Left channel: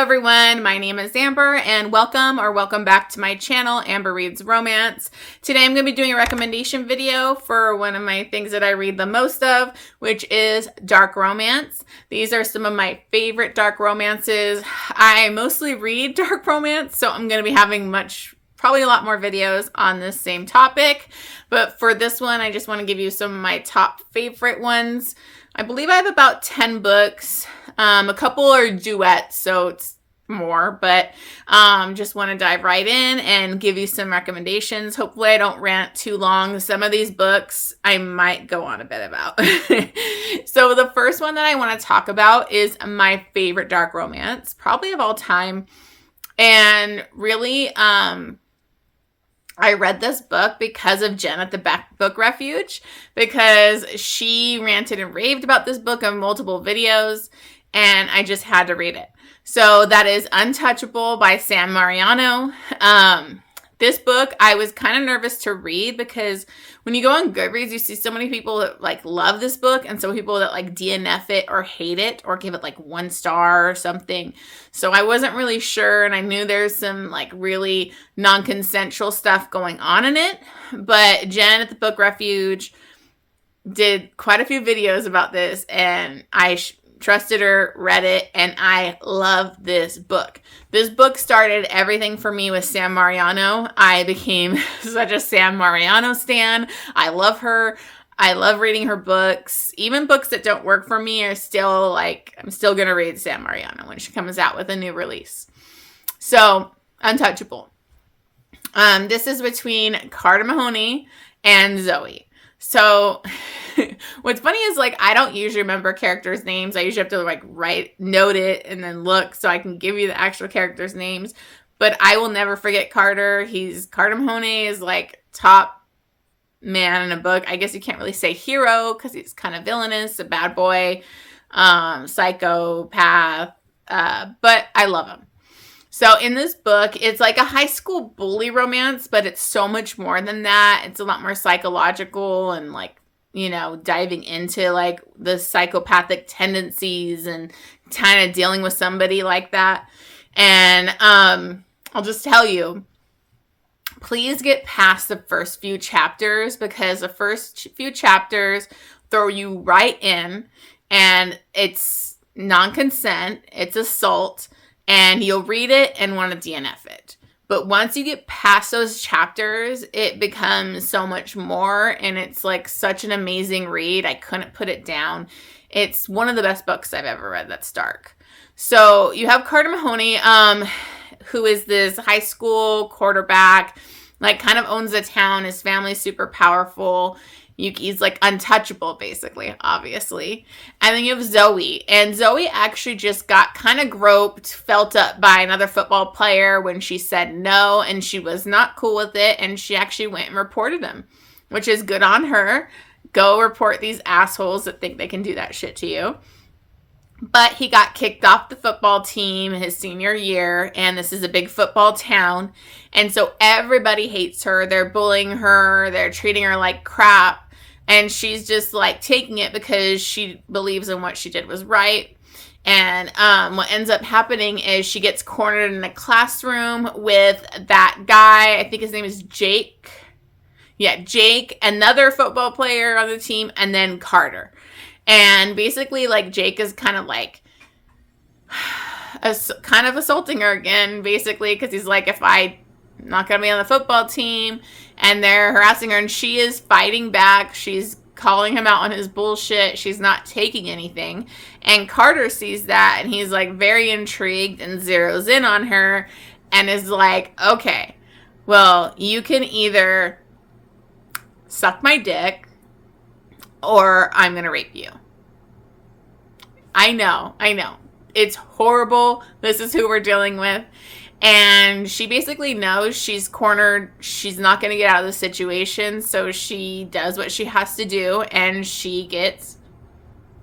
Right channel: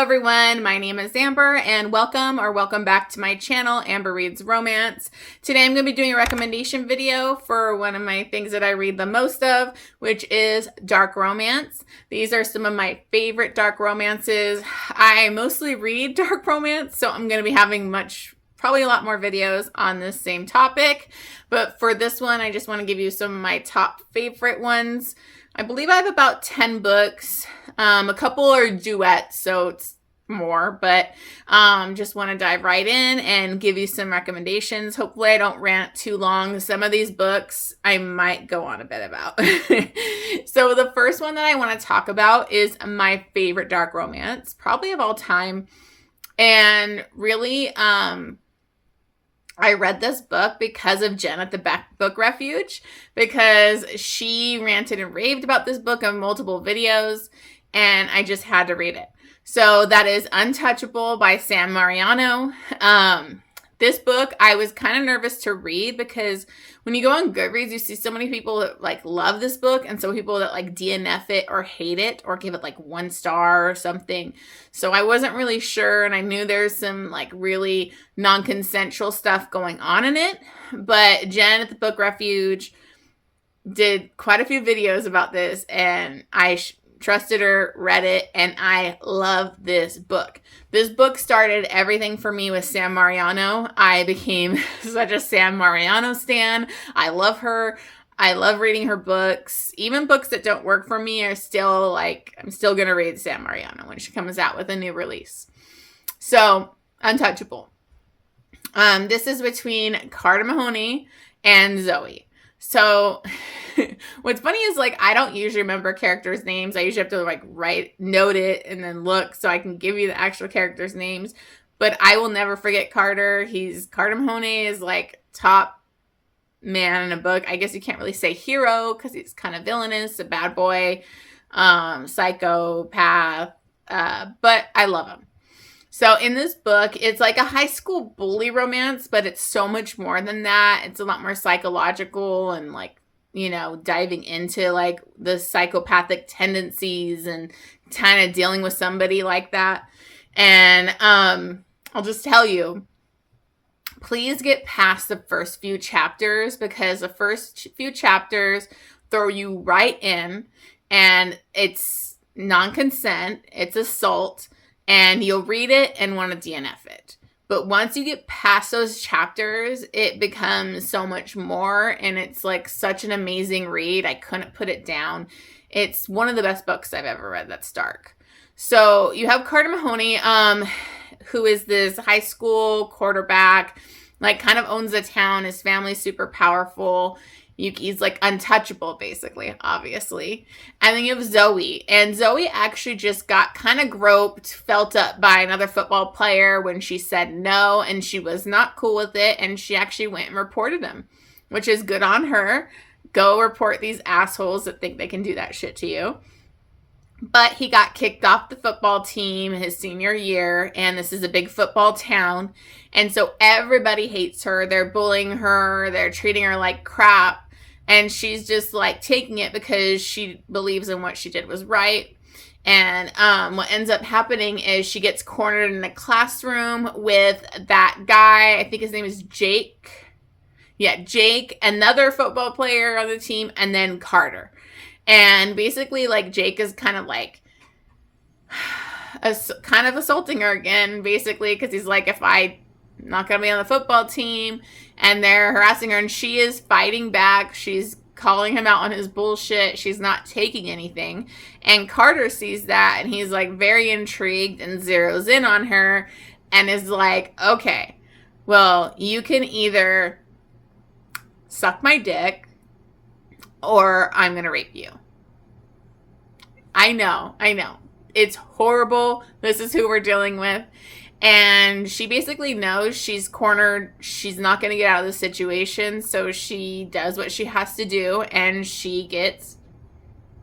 Hello everyone, my name is Amber and welcome back to my channel, Amber Reads Romance. Today I'm going to be doing a recommendation video for one of my things that I read the most of, which is dark romance. These are some of my favorite dark romances. I mostly read dark romance, so I'm going to be having probably a lot more videos on this same topic. But for this one, I just want to give you some of my top favorite ones. I believe I have about 10 books. A couple are duets, so it's more, but just want to dive right in and give you some recommendations. Hopefully I don't rant too long. Some of these books I might go on a bit about. So the first one that I want to talk about is my favorite dark romance, probably of all time. And really, I read this book because of Jen at the Book Refuge, because she ranted and raved about this book on multiple videos, and I just had to read it. So that is Untouchable by Sam Mariano. This book, I was kind of nervous to read because when you go on Goodreads, you see so many people that love this book and so people that DNF it or hate it or give it 1 star or something. So I wasn't really sure, and I knew there's some really non-consensual stuff going on in it. But Jen at the Book Refuge did quite a few videos about this, and I trusted her, read it, and I love this book. This book started everything for me with Sam Mariano. I became such a Sam Mariano stan. I love her. I love reading her books. Even books that don't work for me are still I'm still going to read Sam Mariano when she comes out with a new release. So, Untouchable. This is between Carter Mahoney and Zoe. So, what's funny is I don't usually remember characters' names. I usually have to note it and then look so I can give you the actual characters' names. But I will never forget Carter. Carter Mahoney is top man in a book. I guess you can't really say hero because he's kind of villainous, a bad boy, psychopath. But I love him. So in this book, it's a high school bully romance, but it's so much more than that. It's a lot more psychological and diving into the psychopathic tendencies and kind of dealing with somebody like that. And I'll just tell you, please get past the first few chapters because the first few chapters throw you right in, and it's non-consent, it's assault, and you'll read it and want to DNF it. But once you get past those chapters, it becomes so much more, and it's such an amazing read. I couldn't put it down. It's one of the best books I've ever read that's dark. So you have Carter Mahoney, who is this high school quarterback, kind of owns the town. His family's super powerful. He's untouchable, basically, obviously. And then you have Zoe. And Zoe actually just got kind of groped, felt up by another football player when she said no, and she was not cool with it. And she actually went and reported him, which is good on her. Go report these assholes that think they can do that shit to you. But he got kicked off the football team his senior year, and this is a big football town. And so everybody hates her. They're bullying her. They're treating her like crap. And she's just taking it because she believes in what she did was right. And what ends up happening is she gets cornered in a classroom with that guy. I think his name is Jake. Yeah, Jake, another football player on the team, and then Carter. And basically, Jake is kind of assaulting her again, basically, because he's if I'm not going to be on the football team, and they're harassing her, and she is fighting back. She's calling him out on his bullshit. She's not taking anything. And Carter sees that, and he's very intrigued and zeroes in on her and is okay, well, you can either suck my dick or I'm going to rape you. I know. It's horrible. This is who we're dealing with. And she basically knows she's cornered. She's not going to get out of the situation. So she does what she has to do. And she gets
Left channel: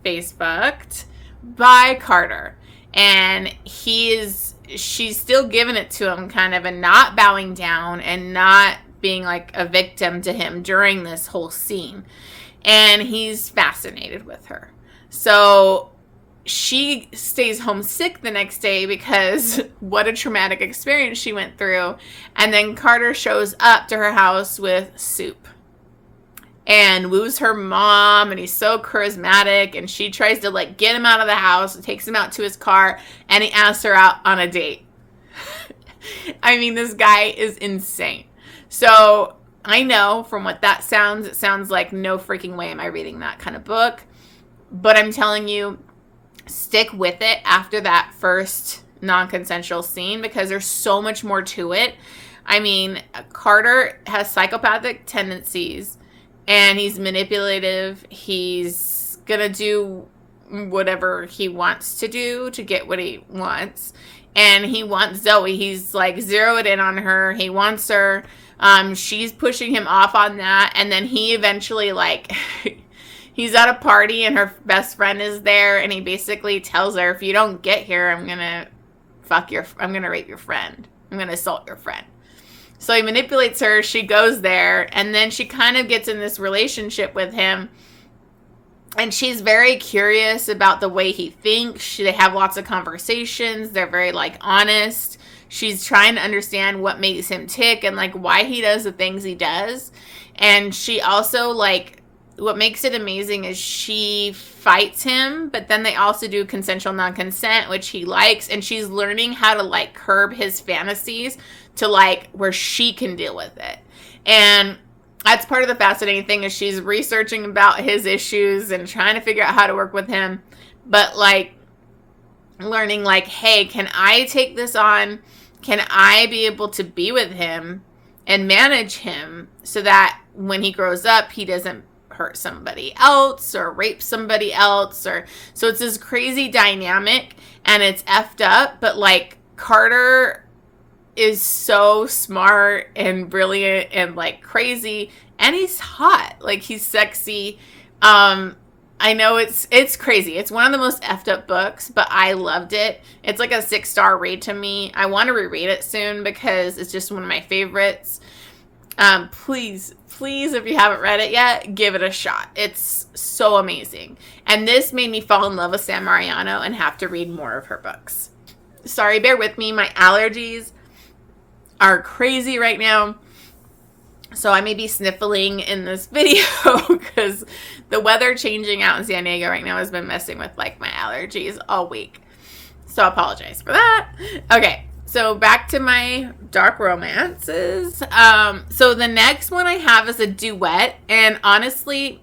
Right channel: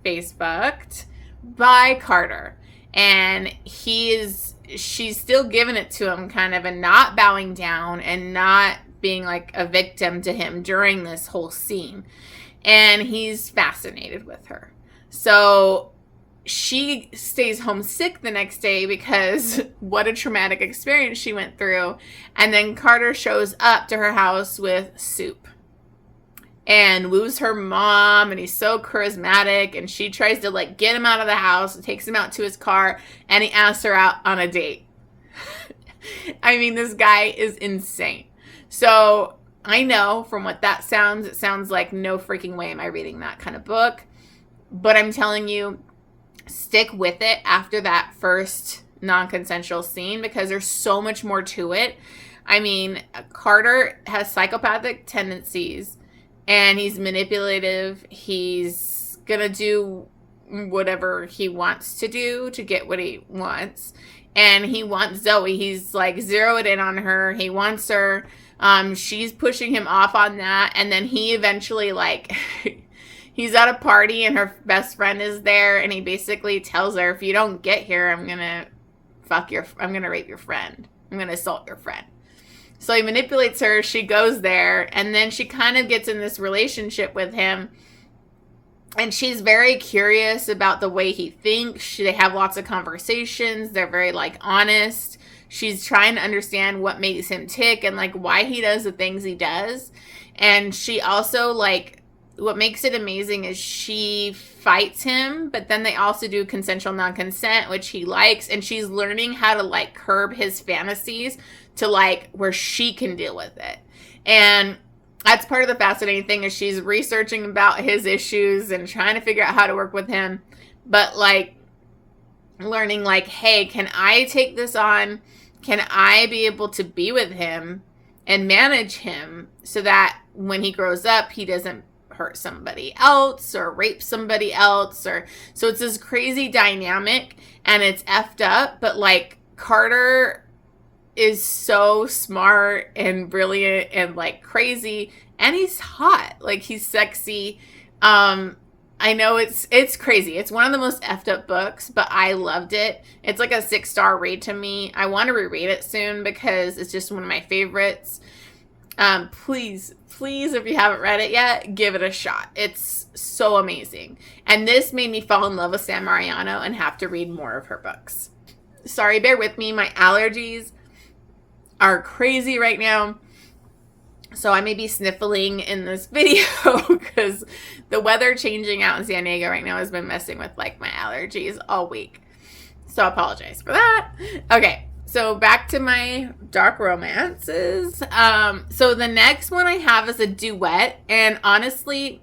face fucked by Carter. And she's still giving it to him kind of, and not bowing down and not being a victim to him during this whole scene. And he's fascinated with her. So she stays homesick the next day because what a traumatic experience she went through. And then Carter shows up to her house with soup and woos her mom, and he's so charismatic, and she tries to like get him out of the house and takes him out to his car, and he asks her out on a date. I mean, this guy is insane. So I know from what that sounds, it sounds like no freaking way am I reading that kind of book. But I'm telling you, stick with it after that first non-consensual scene, because there's so much more to it. I mean, Carter has psychopathic tendencies, and he's manipulative. He's gonna do whatever he wants to do to get what he wants. And he wants Zoe. He's like zeroed in on her. He wants her. She's pushing him off on that. And then he eventually like... He's at a party and her best friend is there, and he basically tells her, if you don't get here, I'm going to rape your friend. I'm going to assault your friend. So he manipulates her. She goes there, and then she kind of gets in this relationship with him. And she's very curious about the way he thinks. They have lots of conversations. They're very like honest. She's trying to understand what makes him tick and like why he does the things he does. And she also like, what makes it amazing is she fights him, but then they also do consensual non-consent, which he likes, and she's learning how to like curb his fantasies to like where she can deal with it. And that's part of the fascinating thing, is she's researching about his issues and trying to figure out how to work with him, but like learning like, hey, can I take this on? Can I be able to be with him and manage him so that when he grows up, he doesn't hurt somebody else or rape somebody else? Or so it's this crazy dynamic, and it's effed up, but like Carter is so smart and brilliant and like crazy, and he's hot, like he's sexy. I know it's crazy. It's one of the most effed up books, but I loved it. It's like a 6-star read to me. I want to reread it soon because it's just one of my favorites. Please, if you haven't read it yet, give it a shot. It's so amazing. And this made me fall in love with Sam Mariano and have to read more of her books. Sorry, bear with me. My allergies are crazy right now. So I may be sniffling in this video because the weather changing out in San Diego right now has been messing with like my allergies all week. So I apologize for that. Okay. So back to my dark romances. So the next one I have is a duet. And honestly,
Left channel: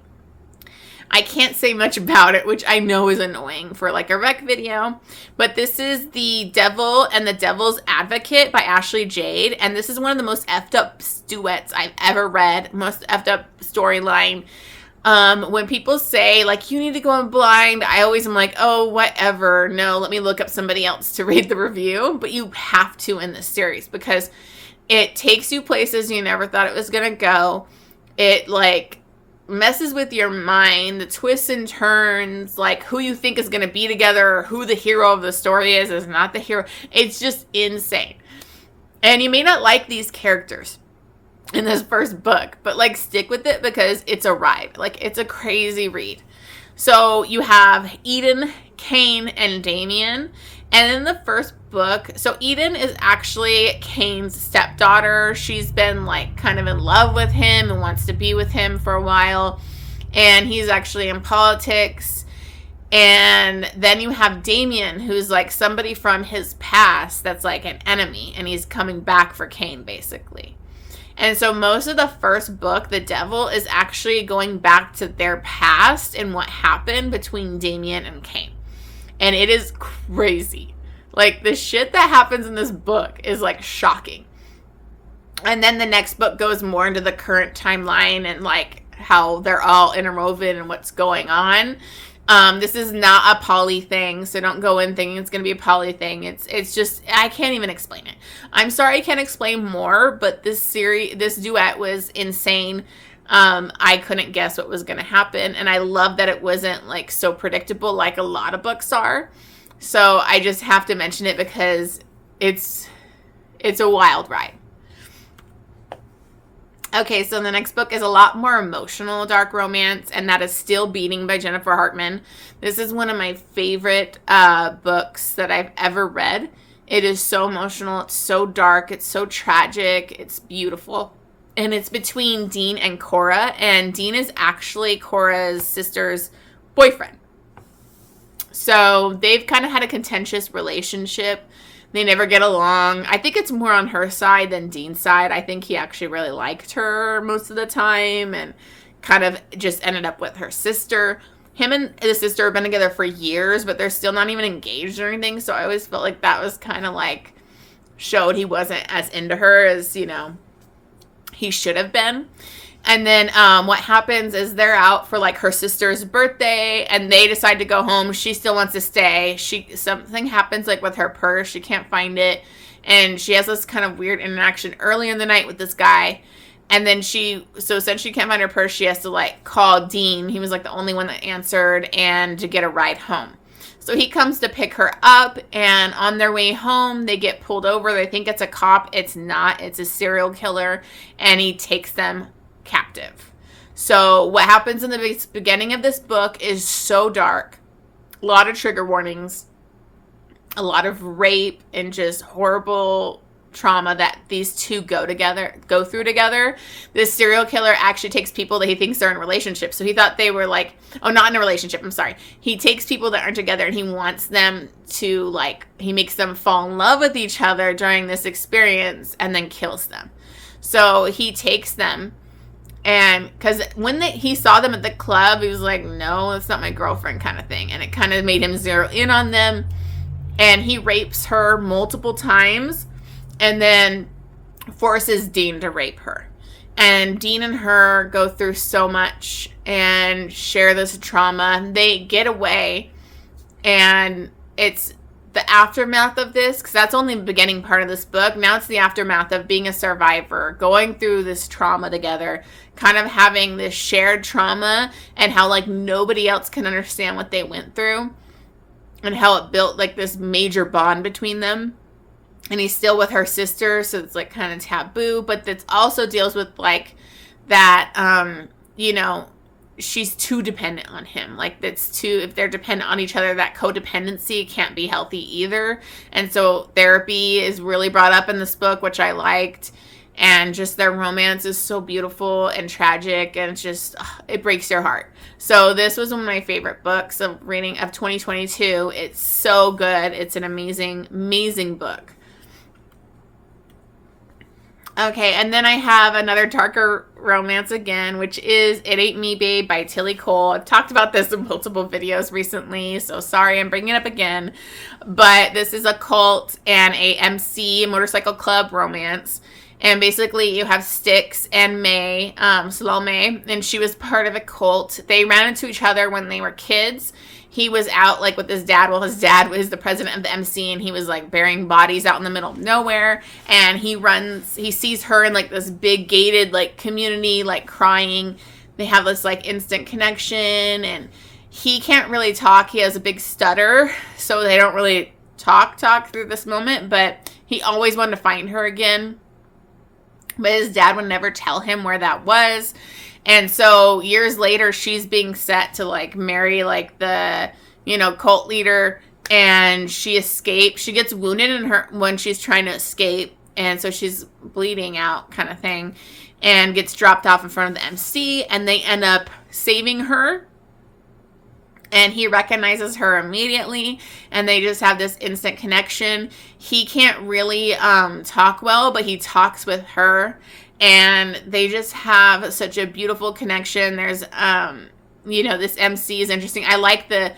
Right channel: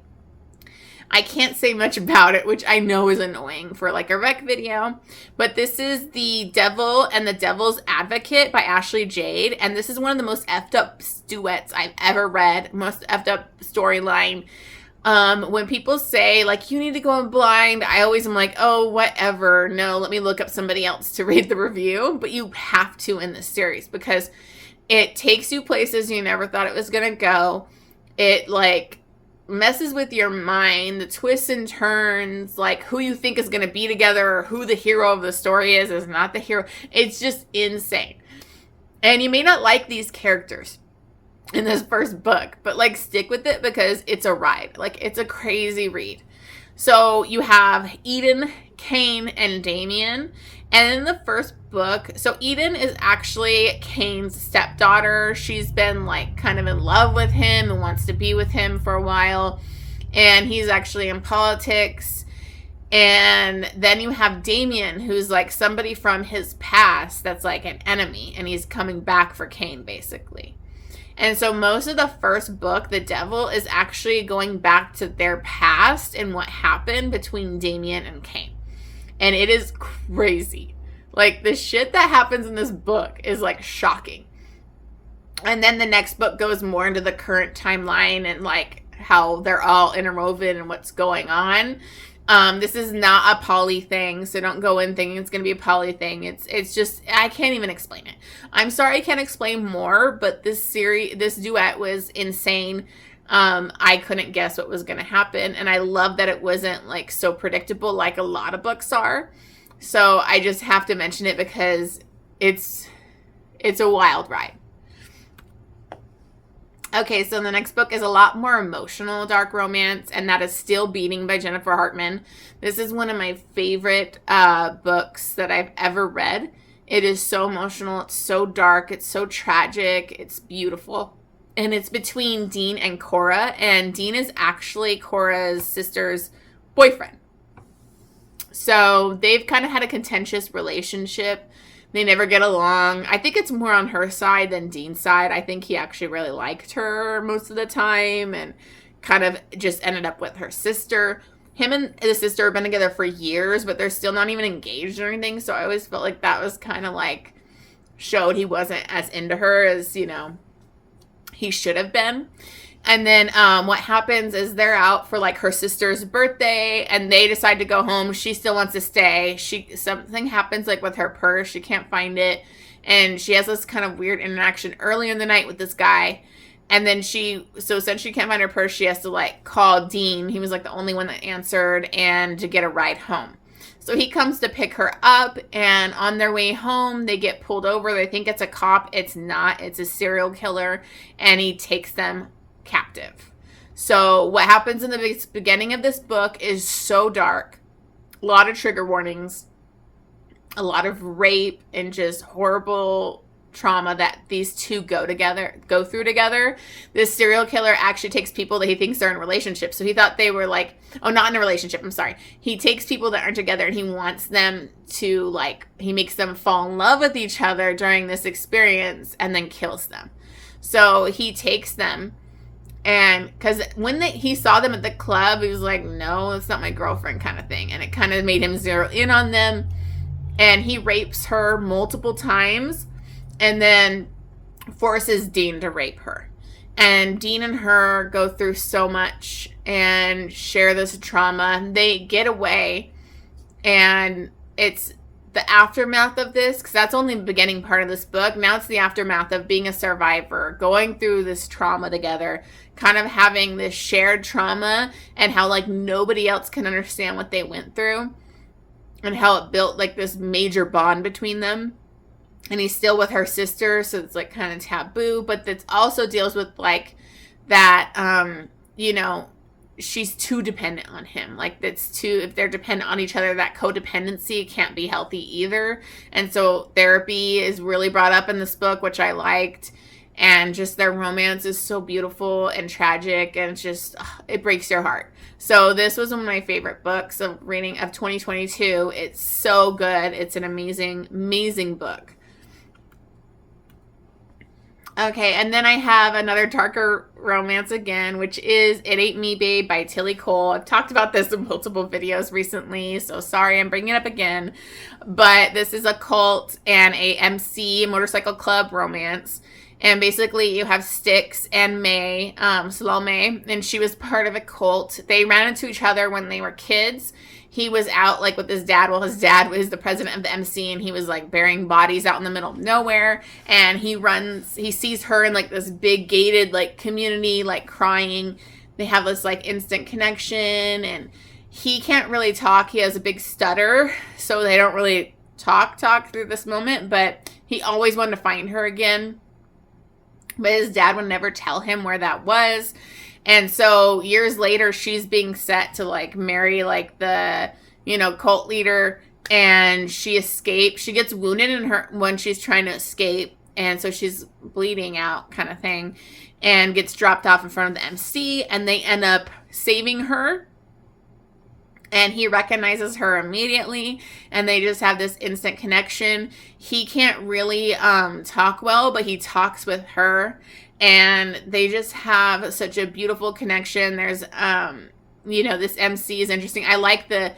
I can't say much about it, which I know is annoying for like a rec video. But this is The Devil and the Devil's Advocate by Ashley Jade. And this is one of the most effed up duets I've ever read. Most effed up storyline. When people say like, you need to go in blind, I always am like, oh, whatever. No, let me look up somebody else to read the review. But you have to in this series because it takes you places you never thought it was going to go. It like messes with your mind, the twists and turns, like who you think is going to be together or who the hero of the story is not the hero. It's just insane. And you may not like these characters in this first book, but like stick with it because it's a ride. Like it's a crazy read. So you have Eden, Cain, and Damien. And in the first book, so Eden is actually Cain's stepdaughter. She's been like kind of in love with him and wants to be with him for a while. And he's actually in politics. And then you have Damien, who's like somebody from his past that's like an enemy. And he's coming back for Cain, basically. And so most of the first book, The Devil, is actually going back to their past and what happened between Damien and Cain. And it is crazy. Like, the shit that happens in this book is, like, shocking. And then the next book goes more into the current timeline and, like, how they're all interwoven and what's going on. This is not a poly thing, so don't go in thinking it's going to be a poly thing. It's just, I can't even explain it. I'm sorry I can't explain more, but this duet was insane. I couldn't guess what was going to happen, and I love that it wasn't like so predictable like a lot of books are. So I just have to mention it because it's a wild ride. Okay, so the next book is a lot more emotional dark romance, and that is Still Beating by Jennifer Hartman. This is one of my favorite books that I've ever read. It is so emotional. It's so dark. It's so tragic. It's beautiful. And it's between Dean and Cora, and Dean is actually Cora's sister's boyfriend. So they've kind of had a contentious relationship. They never get along. I think it's more on her side than Dean's side. I think he actually really liked her most of the time and kind of just ended up with her sister. Him and his sister have been together for years, but they're still not even engaged or anything. So I always felt like that was kind of like showed he wasn't as into her as, you know, he should have been. And then what happens is they're out for like her sister's birthday and they decide to go home. She still wants to stay. Something happens like with her purse. She can't find it. And she has this kind of weird interaction early in the night with this guy. And then since she can't find her purse, she has to like call Dean. He was like the only one that answered and to get a ride home. So he comes to pick her up, and on their way home, they get pulled over. They think it's a cop. It's not. It's a serial killer, and he takes them captive. So what happens in the beginning of this book is so dark. A lot of trigger warnings, a lot of rape, and just horrible trauma that these two go through together. This serial killer actually takes people that he thinks are in relationships. So he thought they were like, not in a relationship, I'm sorry. He takes people that aren't together and he wants them to like, he makes them fall in love with each other during this experience and then kills them. So he takes them, and because when he saw them at the club, he was like, no, it's not my girlfriend kind of thing. And it kind of made him zero in on them. And he rapes her multiple times and then forces Dean to rape her. And Dean and her go through so much and share this trauma. They get away, and it's the aftermath of this, because that's only the beginning part of this book. Now it's the aftermath of being a survivor, going through this trauma together, kind of having this shared trauma, and how like nobody else can understand what they went through, and how it built like this major bond between them. And he's still with her sister, so it's like kind of taboo, but it also deals with like that, you know, she's too dependent on him. Like if they're dependent on each other, that codependency can't be healthy either. And so therapy is really brought up in this book, which I liked. And just their romance is so beautiful and tragic, and it's just, it breaks your heart. So this was one of my favorite books of reading of 2022. It's so good. It's an amazing, amazing book. Okay, and then I have another darker romance again, which is It Ain't Me Babe by Tillie Cole. I've talked about this in multiple videos recently, so sorry I'm bringing it up again. But this is a cult and a MC motorcycle club romance. And basically you have Styx and May, Salome, and she was part of a cult. They ran into each other when they were kids. He was out like with his dad. Well, his dad was the president of the MC, and he was like burying bodies out in the middle of nowhere. And he sees her in like this big gated like community, like crying. They have this like instant connection, and he can't really talk. He has a big stutter, so they don't really talk through this moment, but he always wanted to find her again. But his dad would never tell him where that was. And so years later, she's being set to like marry like the, you know, cult leader, and she escapes. She gets wounded when she's trying to escape, and so she's bleeding out kind of thing, and gets dropped off in front of the MC, and they end up saving her. And he recognizes her immediately, and they just have this instant connection. He can't really talk well, but he talks with her. And they just have such a beautiful connection. There's, you know, this MC is interesting. I like the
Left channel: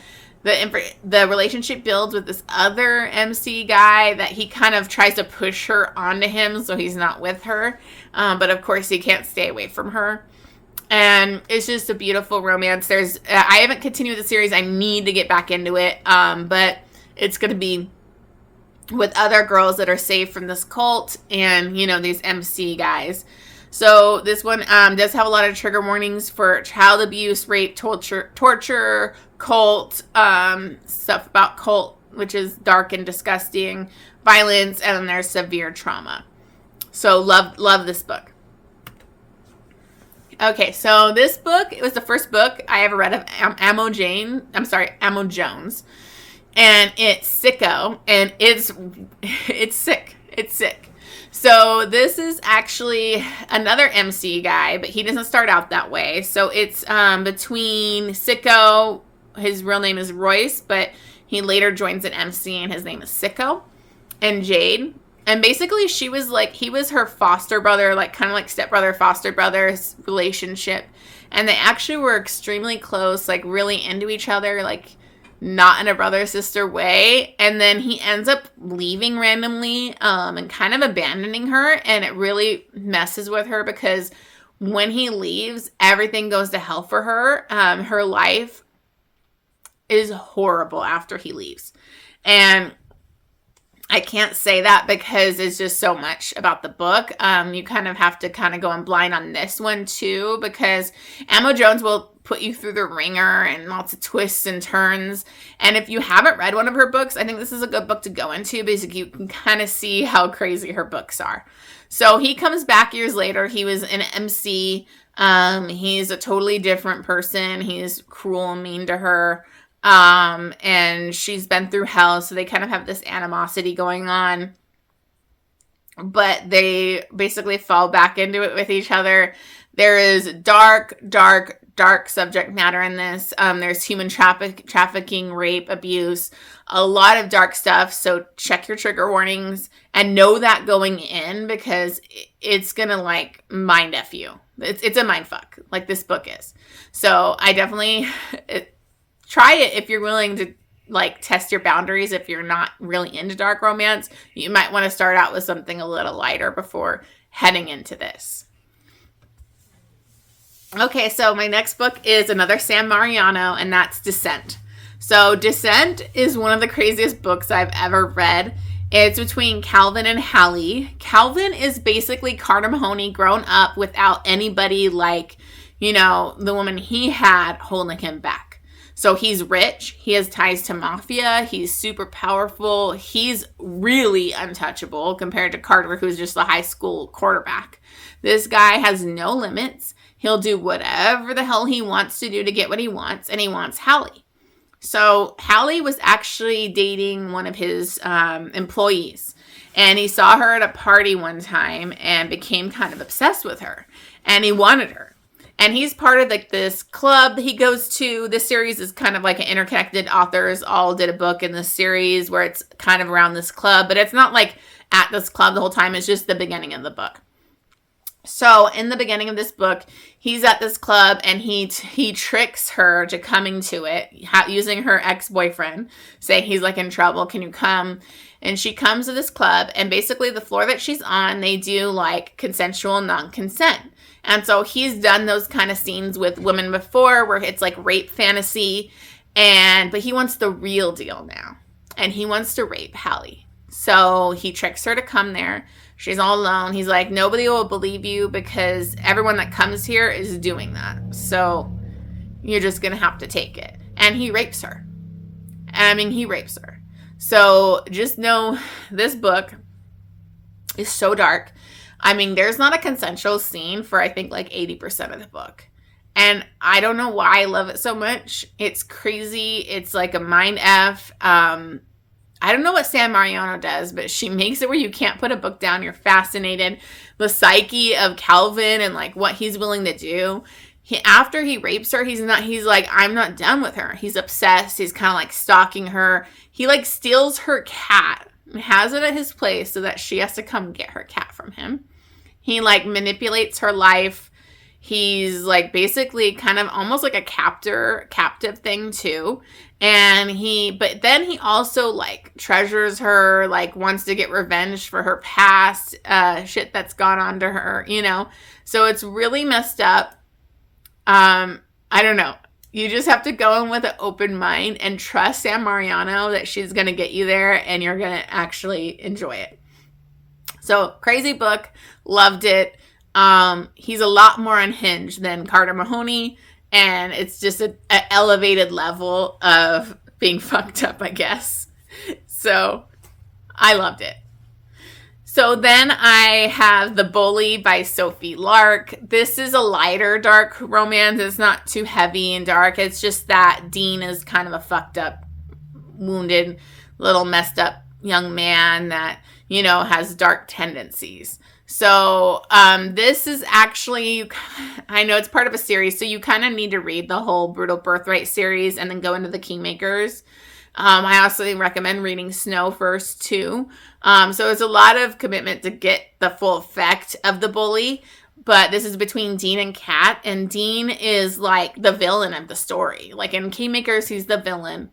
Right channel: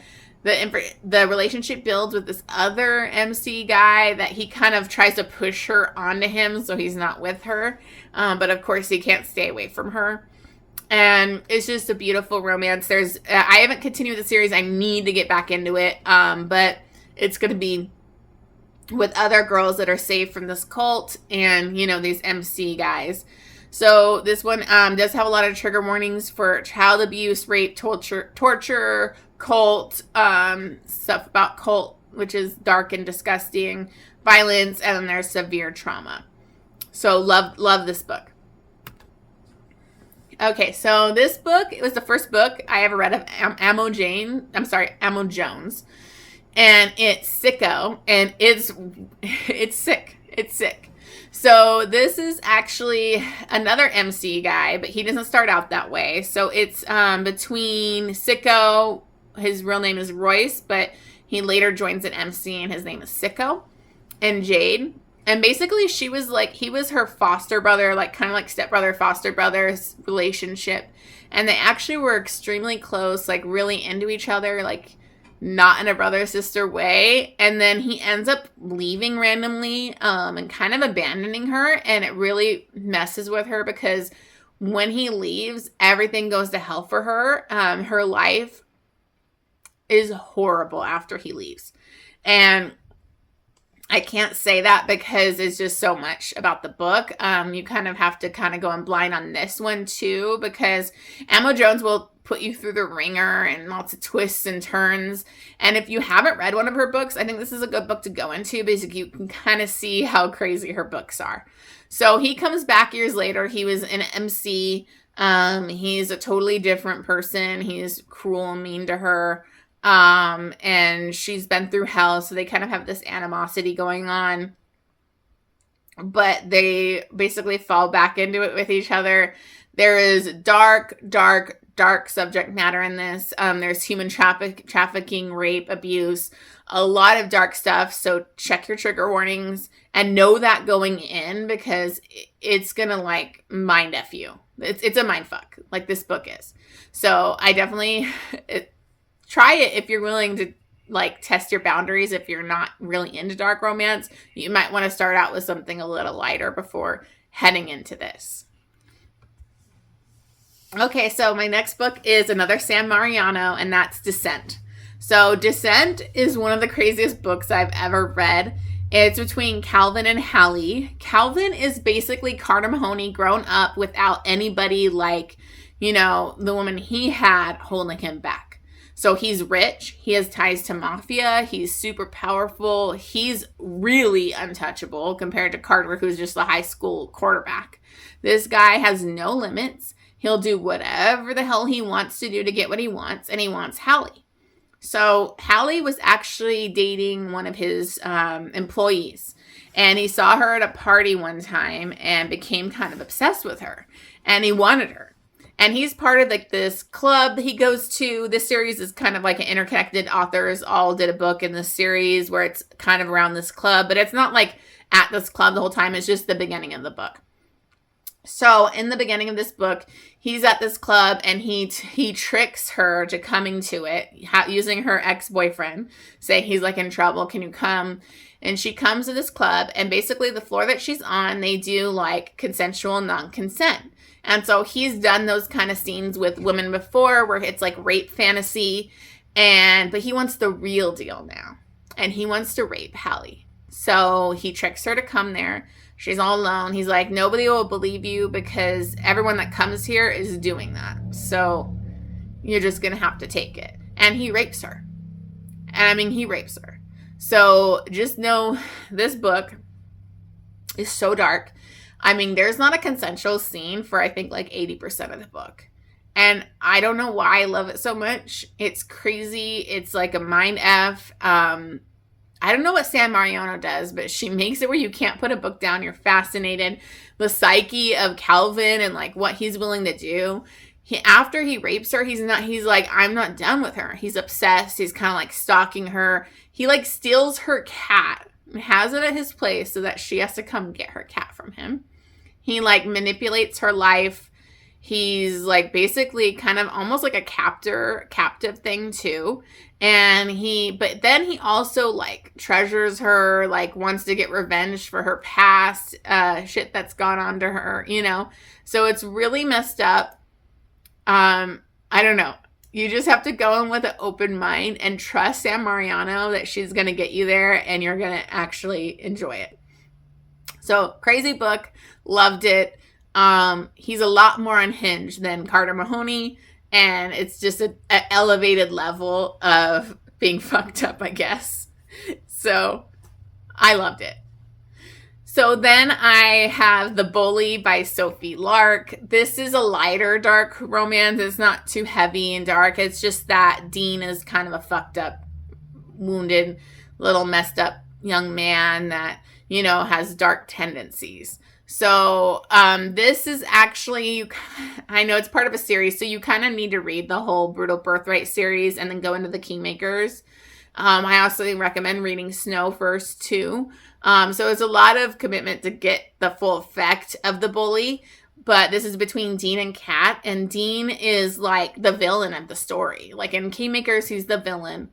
relationship builds with this other MC guy that he kind of tries to push her onto him so he's not with her. But of course he can't stay away from her. And it's just a beautiful romance. I haven't continued the series. I need to get back into it. But it's going to be with other girls that are saved from this cult and, you know, these MC guys. So this one does have a lot of trigger warnings for child abuse, rape, torture, cult, stuff about cult, which is dark and disgusting, violence, and then there's severe trauma. So love this book. Okay, so this book, it was the first book I ever read of Amo Jones. And it's Sicko, and it's sick. It's sick. So this is actually another MC guy, but he doesn't start out that way. So it's between Sicko, his real name is Royce, but he later joins an MC and his name is Sicko, and Jade. And basically he was her foster brother, like kind of like stepbrother, foster brother's relationship. And they actually were extremely close, like really into each other, like not in a brother-sister way. And then he ends up leaving randomly and kind of abandoning her. And it really messes with her because when he leaves, everything goes to hell for her. Her life is horrible after he leaves. And I can't say that because it's just so much about the book. You kind of have to kind of go in blind on this one too, because Amo Jones will put you through the ringer and lots of twists and turns. And if you haven't read one of her books, I think this is a good book to go into because you can kind of see how crazy her books are. So he comes back years later. He was an MC. He's a totally different person. He's cruel and mean to her. And she's been through hell, so they kind of have this animosity going on, but they basically fall back into it with each other. There is dark subject matter in this. There's human trafficking, rape, abuse, a lot of dark stuff. So check your trigger warnings and know that going in, because it's gonna like mind F you. It's a mind fuck, like this book is. So I definitely try it if you're willing to like test your boundaries. If you're not really into dark romance, you might want to start out with something a little lighter before heading into this. Okay, so my next book is another Sam Mariano, and that's Descent. So Descent is one of the craziest books I've ever read. It's between Calvin and Hallie. Calvin is basically Carter Mahoney grown up without anybody like, you know, the woman he had holding him back. So he's rich, he has ties to mafia, he's super powerful, he's really untouchable compared to Carter, who's just a high school quarterback. This guy has no limits. He'll do whatever the hell he wants to do to get what he wants, and he wants Hallie. So Hallie was actually dating one of his employees, and he saw her at a party one time and became kind of obsessed with her, and he wanted her. And he's part of like this club that he goes to. This series is kind of like an interconnected. Authors all did a book in this series where it's kind of around this club, but it's not like at this club the whole time. It's just the beginning of the book. So in the beginning of this book, he's at this club and he tricks her to coming to it using her ex-boyfriend, saying he's like in trouble. Can you come? And she comes to this club, and basically the floor that she's on, they do like consensual non-consent. And so he's done those kind of scenes with women before where it's like rape fantasy, but he wants the real deal now. And he wants to rape Hallie. So he tricks her to come there. She's all alone. He's like, nobody will believe you because everyone that comes here is doing that. So you're just going to have to take it. And he rapes her. He rapes her. So just know this book is so dark. There's not a consensual scene for, I think, like 80% of the book. And I don't know why I love it so much. It's crazy. It's like a mind F. I don't know what Sam Mariano does, but she makes it where you can't put a book down. You're fascinated. The psyche of Calvin and like what he's willing to do. After he rapes her, he's like, I'm not done with her. He's obsessed. He's kind of like stalking her. He like steals her cat and has it at his place so that she has to come get her cat from him. He like manipulates her life. He's like basically kind of almost like a captive thing too. But then he also like treasures her, like wants to get revenge for her past shit that's gone on to her, you know? So it's really messed up. I don't know. You just have to go in with an open mind and trust Sam Mariano that she's going to get you there and you're going to actually enjoy it. So crazy book. Loved it. He's a lot more unhinged than Carter Mahoney, and it's just an elevated level of being fucked up, I guess. So I loved it. So then I have The Bully by Sophie Lark. This is a lighter dark romance. It's not too heavy and dark. It's just that Dean is kind of a fucked up, wounded, little messed up young man that, you know, has dark tendencies. So this is actually, I know it's part of a series, so you kind of need to read the whole Brutal Birthright series and then go into the Kingmakers. I also recommend reading Snow first too. So it's a lot of commitment to get the full effect of The Bully. But this is between Dean and Kat. And Dean is like the villain of the story. Like in Kingmakers, he's the villain.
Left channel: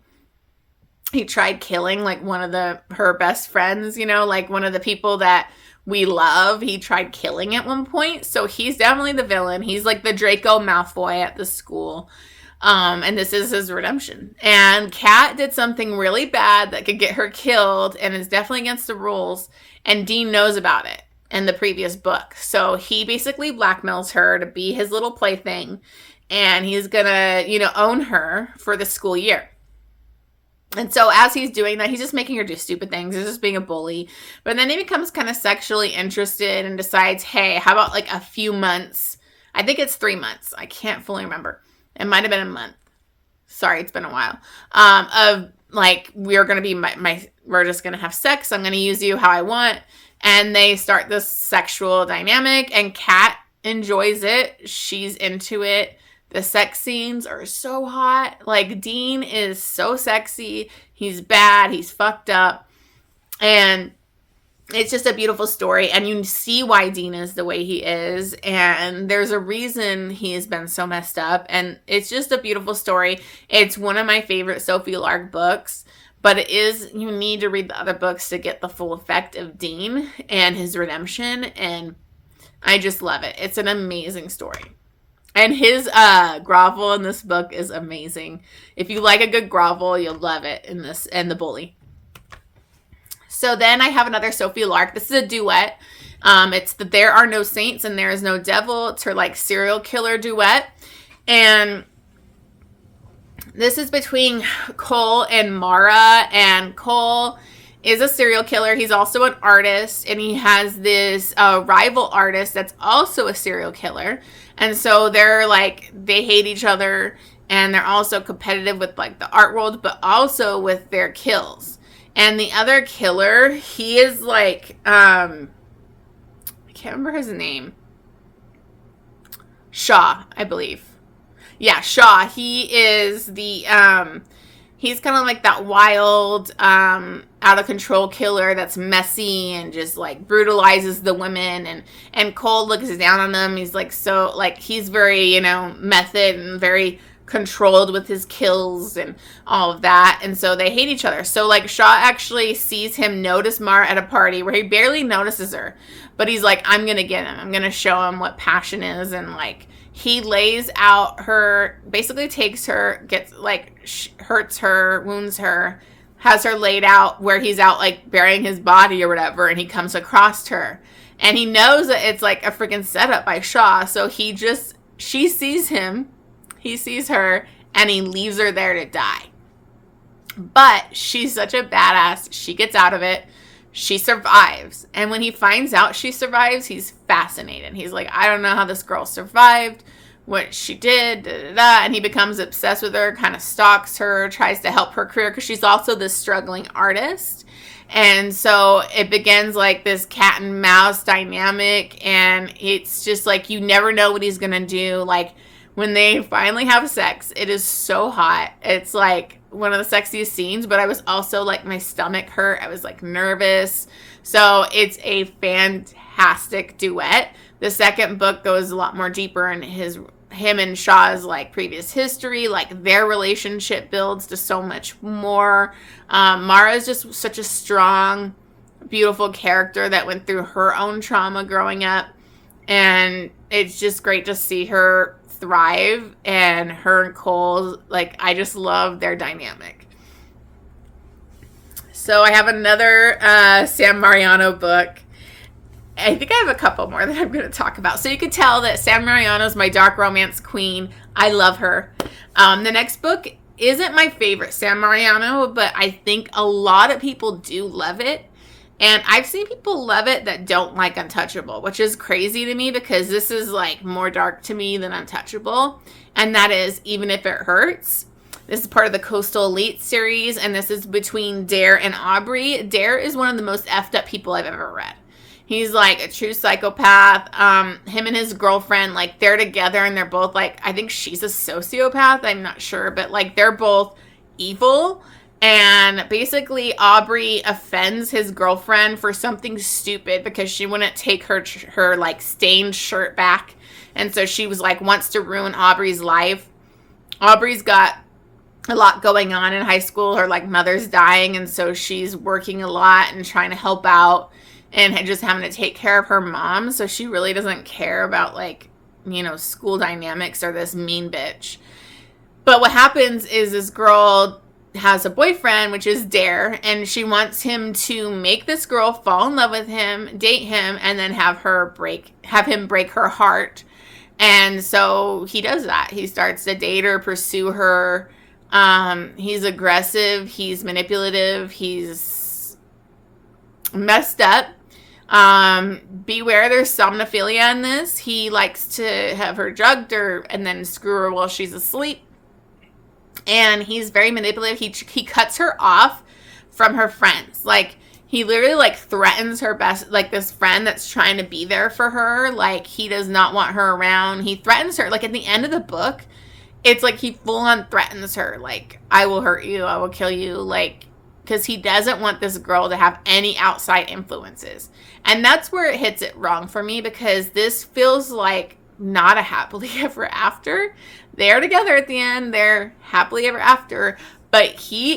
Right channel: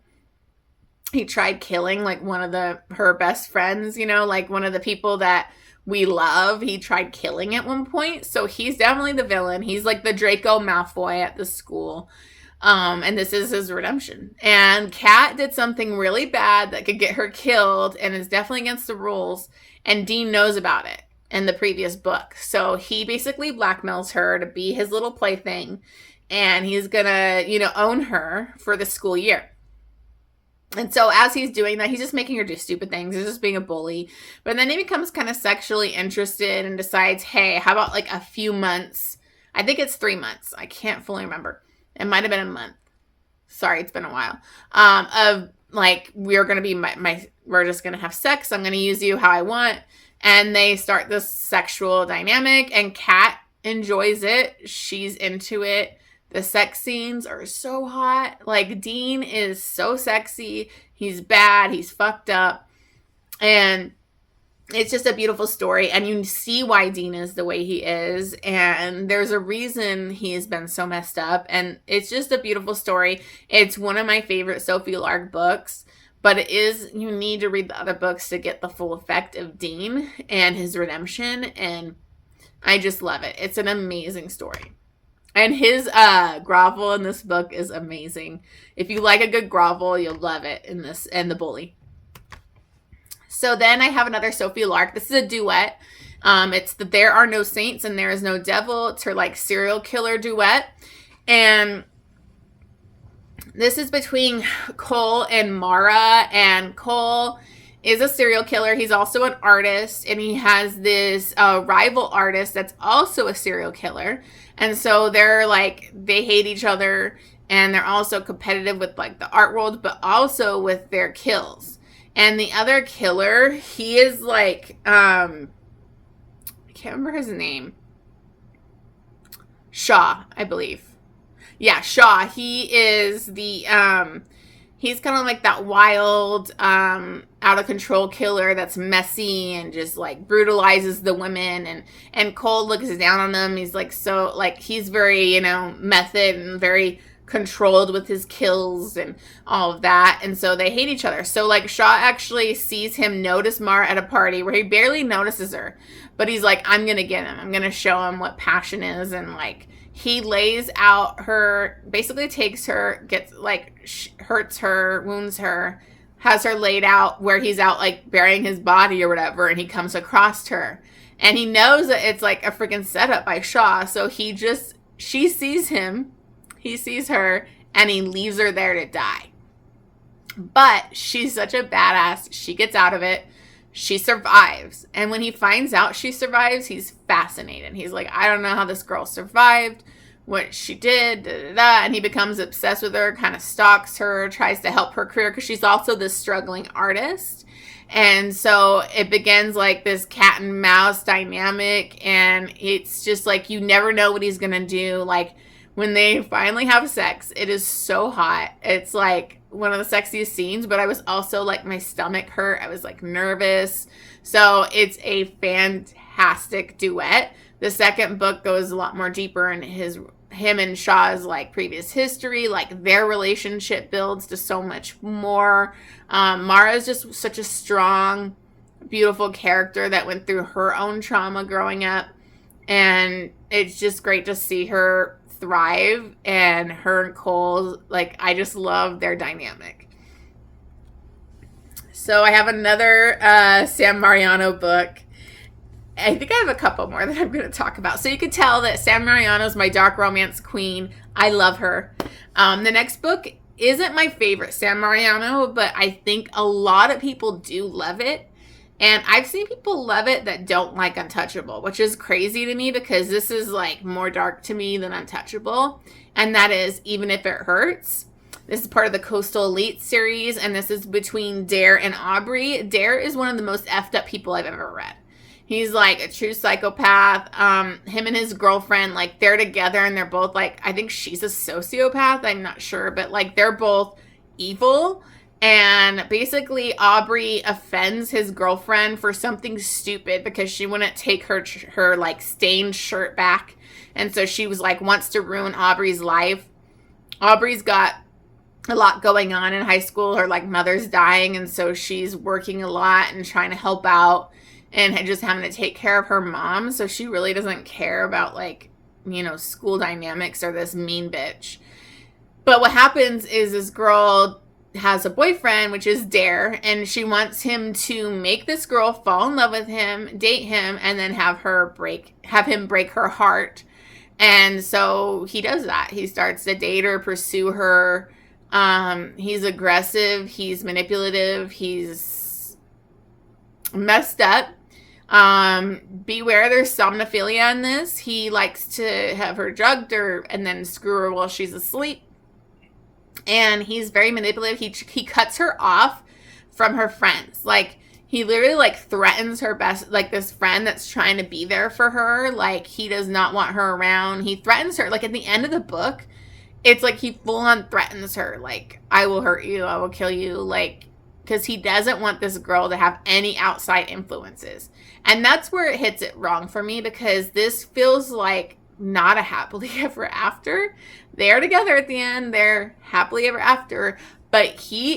He tried killing like one of her best friends, you know, like one of the people that we love. He tried killing at one point. So he's definitely the villain. He's like the Draco Malfoy at the school. And this is his redemption. And Kat did something really bad that could get her killed and is definitely against the rules. And Dean knows about it in the previous book. So he basically blackmails her to be his little plaything. And he's going to, you know, own her for the school year. And so as he's doing that, he's just making her do stupid things. He's just being a bully. But then he becomes kind of sexually interested and decides, hey, how about like a few months? I think it's 3 months. I can't fully remember. It might have been a month. Sorry, it's been a while. Of like, we're going to be we're just going to have sex. I'm going to use you how I want. And they start this sexual dynamic and Kat enjoys it. She's into it. The sex scenes are so hot. Like, Dean is so sexy. He's bad. He's fucked up. And it's just a beautiful story. And you see why Dean is the way he is. And there's a reason he has been so messed up. And it's just a beautiful story. It's one of my favorite Sophie Lark books. But you need to read the other books to get the full effect of Dean and his redemption. And I just love it. It's an amazing story. And his grovel in this book is amazing. If you like a good grovel, you'll love it in this and The Bully. So then I have another Sophie Lark. This is a duet. It's the There Are No Saints and There Is No Devil. It's her like serial killer duet. And this is between Cole and Mara. And Cole is a serial killer. He's also an artist. And he has this rival artist that's also a serial killer. And so they hate each other, and they're also competitive with like the art world, but also with their kills. And the other killer, he is like, I can't remember his name. Shaw, I believe. Yeah, Shaw. He is the, he's kind of like that wild, out of control killer that's messy and just like brutalizes the women. And Cole looks down on them. He's like, so like, he's very, you know, method and very controlled with his kills and all of that. And so they hate each other. So like Shaw actually sees him notice Mara at a party where he barely notices her, but he's like, I'm going to get him. I'm going to show him what passion is. And like, he lays out her, basically takes her, gets like, hurts her, wounds her, has her laid out where he's out like burying his body or whatever. And he comes across her and he knows that it's like a freaking setup by Shaw. So she sees him, he sees her, and he leaves her there to die. But she's such a badass. She gets out of it. She survives. And when he finds out she survives, he's fascinated. He's like, I don't know how this girl survived, what she did, da, da, da. And he becomes obsessed with her, kind of stalks her, tries to help her career because she's also this struggling artist. And so it begins like this cat and mouse dynamic. And it's just like, you never know what he's going to do. Like when they finally have sex, it is so hot. It's like one of the sexiest scenes, but I was also like, my stomach hurt. I was like nervous. So it's a fantastic duet. The second book goes a lot more deeper in him and Shaw's like previous history, like their relationship builds to so much more. Mara is just such a strong, beautiful character that went through her own trauma growing up. And it's just great to see her thrive, and her and Cole, like, I just love their dynamic. So I have another Sam Mariano book. I think I have a couple more that I'm going to talk about. So you can tell that Sam Mariano is my dark romance queen. I love her. The next book isn't my favorite Sam Mariano, but I think a lot of people do love it. And I've seen people love it that don't like Untouchable, which is crazy to me because this is like more dark to me than Untouchable. And that is Even If It Hurts. This is part of the Coastal Elite series, and this is between Dare and Aubrey. Dare is one of the most effed up people I've ever read. He's like a true psychopath. Him and his girlfriend, like, they're together and they're both like, I think she's a sociopath. I'm not sure, but like they're both evil. And basically Aubrey offends his girlfriend for something stupid because she wouldn't take her like stained shirt back. And so she was like, wants to ruin Aubrey's life. Aubrey's got a lot going on in high school. Her like mother's dying, and so she's working a lot and trying to help out and just having to take care of her mom. So she really doesn't care about like, you know, school dynamics or this mean bitch. But what happens is this girl has a boyfriend, which is Dare, and she wants him to make this girl fall in love with him, date him, and then have him break her heart. And so he does that. He starts to date her, pursue her. He's aggressive, he's manipulative, he's messed up. Beware, there's somnophilia in this. He likes to have her drugged and then screw her while she's asleep. And he's very manipulative. He cuts her off from her friends. Like, he literally like threatens her best, like this friend that's trying to be there for her. Like, he does not want her around. He threatens her. Like, at the end of the book, it's like he full on threatens her. Like, I will hurt you. I will kill you. Like, because he doesn't want this girl to have any outside influences. And that's where it hits it wrong for me, because this feels like not a happily ever after. They're together at the end. They're happily ever after. But he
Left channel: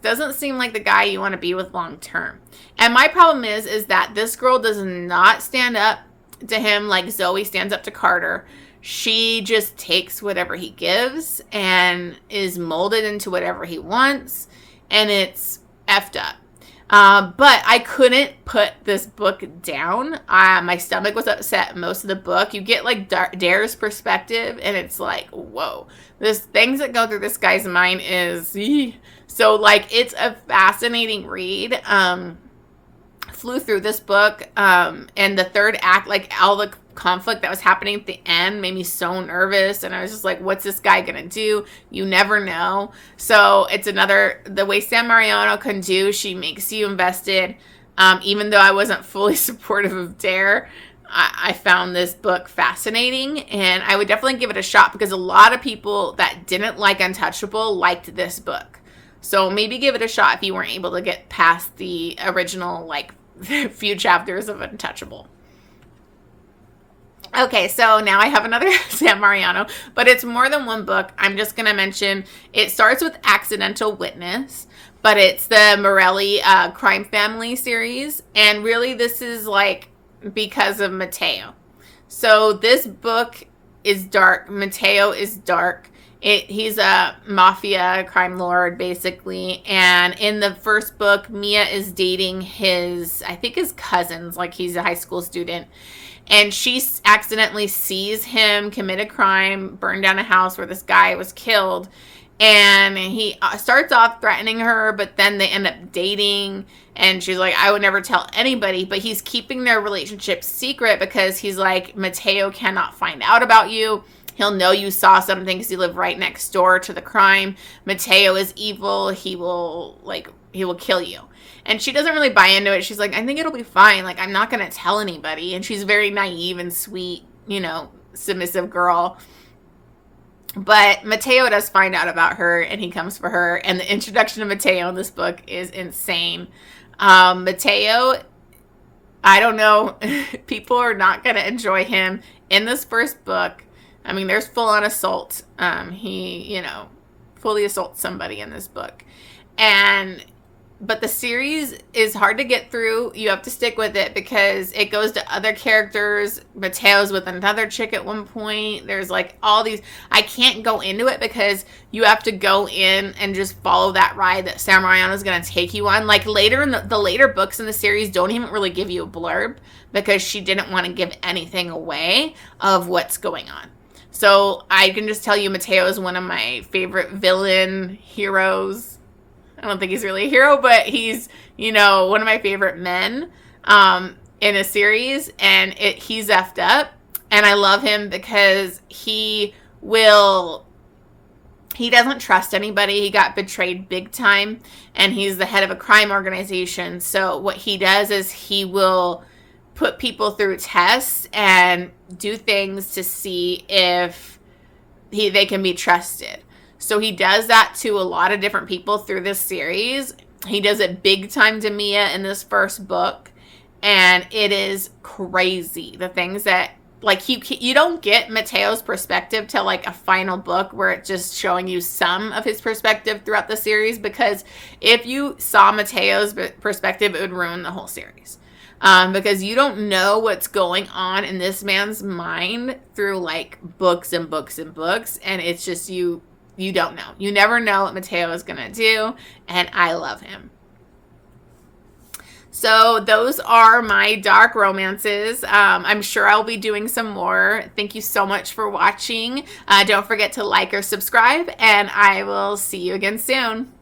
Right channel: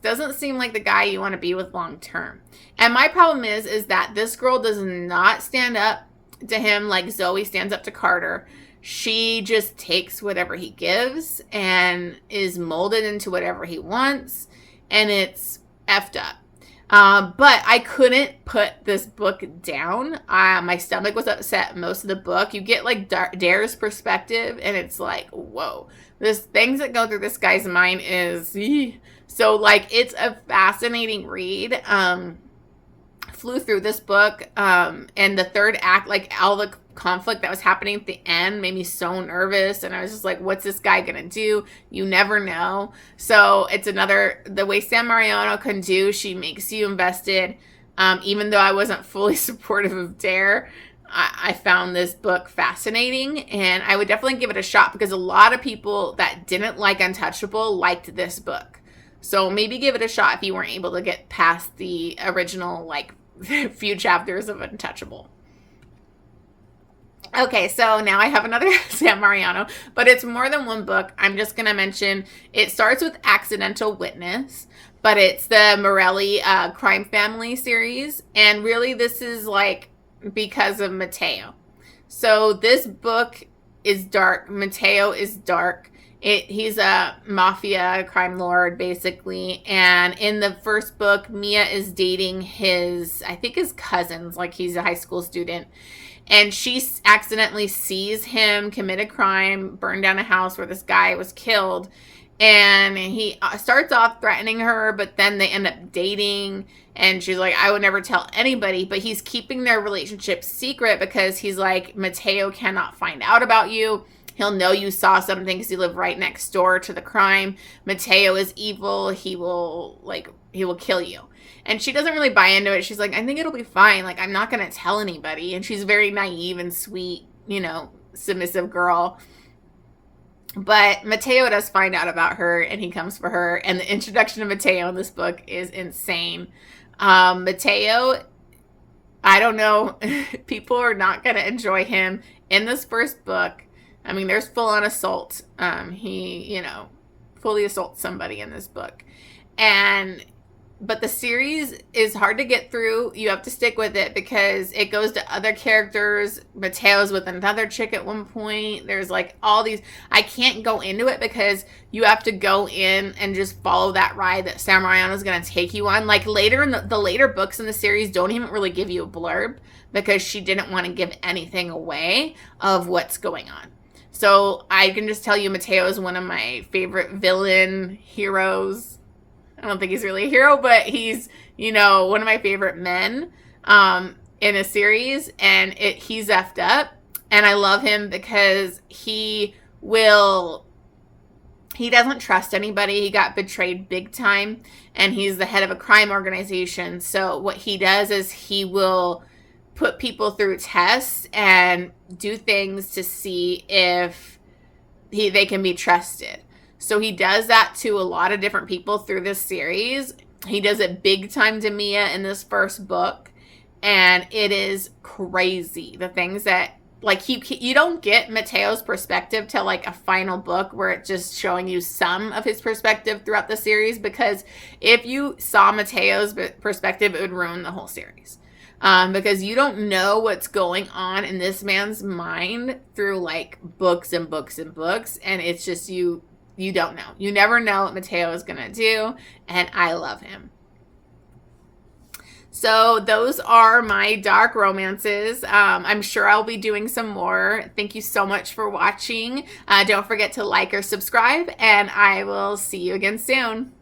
doesn't seem like the guy you want to be with long term. And my problem is that this girl does not stand up to him like Zoe stands up to Carter. She just takes whatever he gives and is molded into whatever he wants. And it's effed up. But I couldn't put this book down. My stomach was upset most of the book. You get like Dare's perspective, and it's like, whoa. This things that go through this guy's mind is... So like, it's a fascinating read. Flew through this book. And the third act, like all the conflict that was happening at the end made me so nervous, and I was just like, what's this guy gonna do? You never know. So it's the way Sam Mariano can do. She makes you invested. Even though I wasn't fully supportive of Dare, I found this book fascinating, and I would definitely give it a shot, because a lot of people that didn't like Untouchable liked this book. So maybe give it a shot if you weren't able to get past the original like few chapters of Untouchable. Okay, so now I have another Sam Mariano, but it's more than one book. I'm just going to mention, it starts with Accidental Witness, but it's the Morelli crime family series. And really this is like because of Matteo. So this book is dark. Matteo is dark. He's a mafia crime lord, basically. And in the first book, Mia is dating his cousins, like he's a high school student. And she accidentally sees him commit a crime, burn down a house where this guy was killed. And he starts off threatening her, but then they end up dating. And she's like, I would never tell anybody. But he's keeping their relationship secret because he's like, Matteo cannot find out about you. He'll know you saw something because you live right next door to the crime. Matteo is evil. He will kill you. And she doesn't really buy into it. She's like, I think it'll be fine. Like, I'm not going to tell anybody. And she's very naive and sweet, you know, submissive girl. But Matteo does find out about her, and he comes for her. And the introduction of Matteo in this book is insane. Matteo, I don't know. People are not going to enjoy him in this first book. I mean, there's full-on assault. He, you know, fully assaults somebody in this book. But the series is hard to get through. You have to stick with it because it goes to other characters. Mateo's with another chick at one point. There's like all these. I can't go into it because you have to go in and just follow that ride that Sam Mariano is going to take you on. Like later in the later books in the series don't even really give you a blurb because she didn't want to give anything away of what's going on. So I can just tell you Mateo is one of my favorite villain heroes. I don't think he's really a hero, but he's you know, one of my favorite men in a series, and he's effed up. And I love him because he doesn't trust anybody. He got betrayed big time, and he's the head of a crime organization. So what he does is he will put people through tests and do things to see if they can be trusted. So he does that to a lot of different people through this series. He does it big time to Mia in this first book, and it is crazy. The things that, like, you don't get Mateo's perspective till like a final book where it's just showing you some of his perspective throughout the series, because if you saw Mateo's perspective, it would ruin the whole series. Because you don't know what's going on in this man's mind through like books and books and books, and it's just you don't know. You never know what Mateo is gonna do, and I love him. So those are my dark romances. I'm sure I'll be doing some more. Thank you so much for watching. Don't forget to like or subscribe, and I will see you again soon.